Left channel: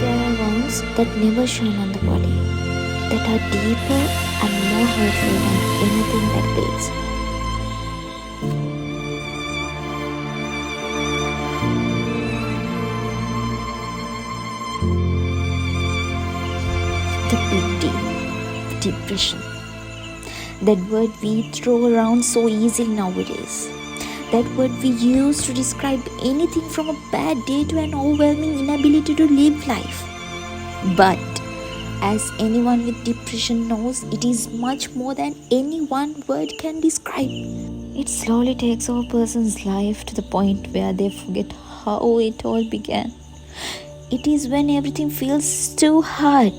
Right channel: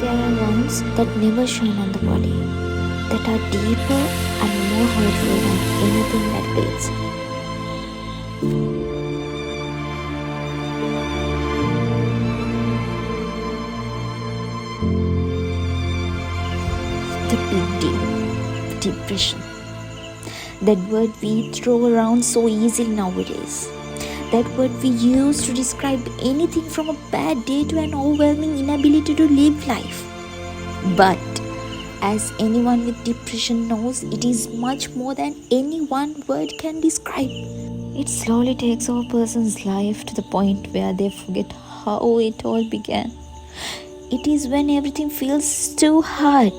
There are wounds that never shine on the body, that are deeper and more hurtful than anything that bleeds. The big D, depression. That word we throw around so easily nowadays. That word we use to describe anything from a bad day to an overwhelming inability to live life. But as anyone with depression knows, it is much more than any one word can describe. It slowly takes over a person's life to the point where they forget how it all began. It is when everything feels too hard.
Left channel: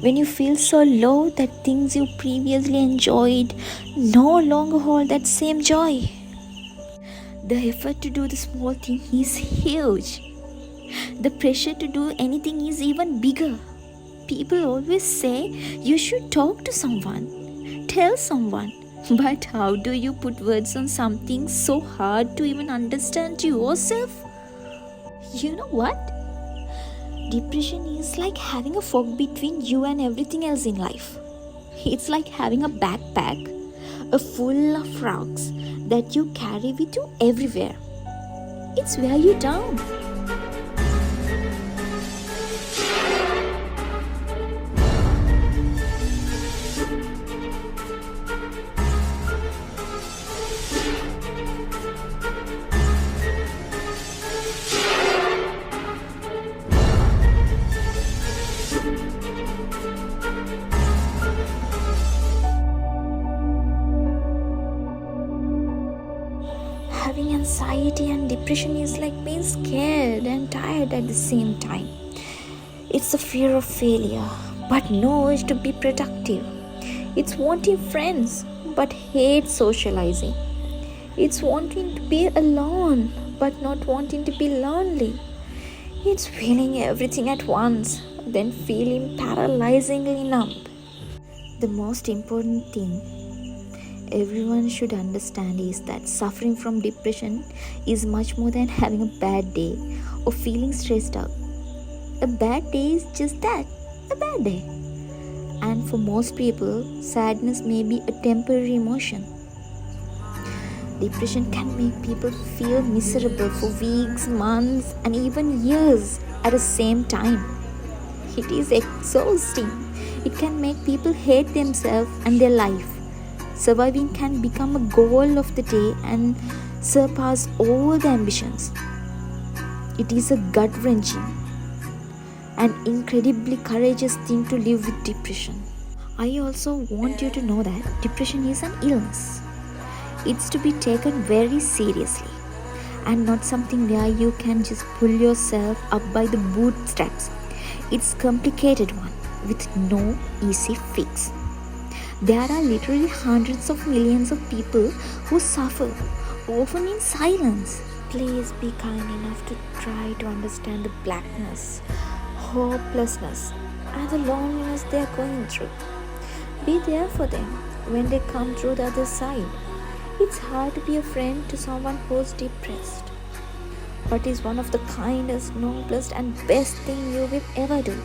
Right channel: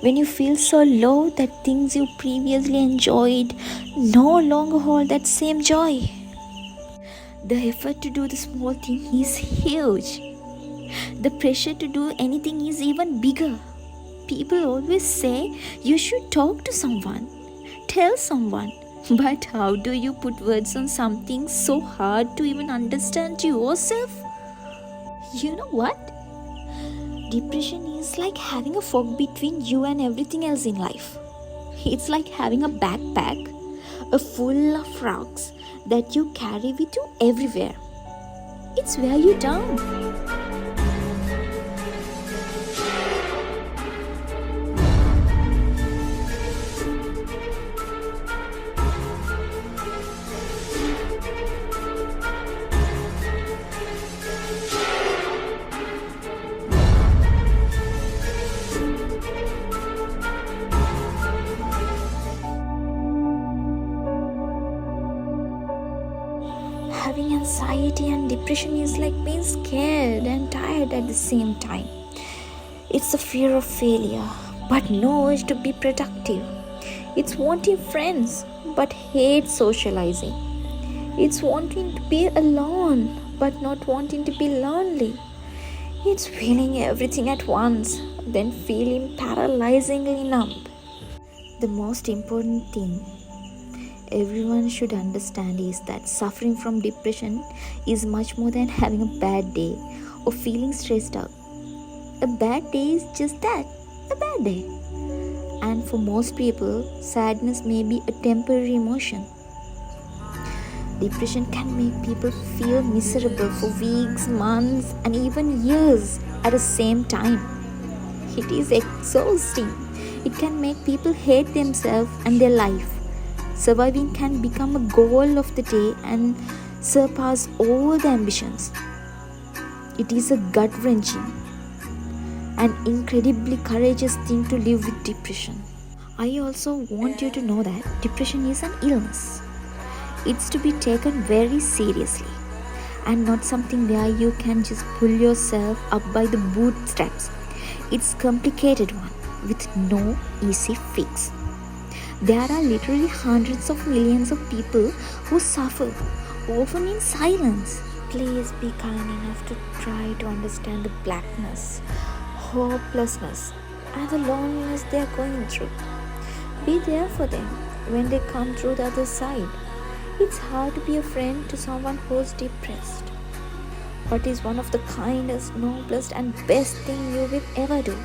When you feel so low that things you previously enjoyed no longer hold that same joy. The effort to do the small thing is huge. The pressure to do anything is even bigger. People always say you should talk to someone, tell someone. But how do you put words on something so hard to even understand yourself? You know what? Depression is like having a fog between you and everything else in life. It's like having a backpack full of rocks that you carry with you everywhere. It's wear you down. Having anxiety and depression is like being scared and tired at the same time. It's the fear of failure, but no urge to be productive. It's wanting friends, but hate socializing. It's wanting to be alone, but not wanting to be lonely. It's feeling everything at once, then feeling paralyzingly numb. The most important thing everyone should understand is that suffering from depression is much more than having a bad day or feeling stressed out. A bad day is just that, a bad day. And for most people, sadness may be a temporary emotion. Depression can make people feel miserable for weeks, months, and even years at the same time. It is exhausting. It can make people hate themselves and their life. Surviving can become a goal of the day and surpass all the ambitions. It is a gut-wrenching and incredibly courageous thing to live with depression. I also want you to know that depression is an illness. It's to be taken very seriously and not something where you can just pull yourself up by the bootstraps. It's a complicated one with no easy fix. There are literally hundreds of millions of people who suffer, often in silence. Please be kind enough to try to understand the blackness, hopelessness, and the loneliness they are going through. Be there for them when they come through the other side. It's hard to be a friend to someone who's depressed. What is one of the kindest, noblest, and best thing you will ever do?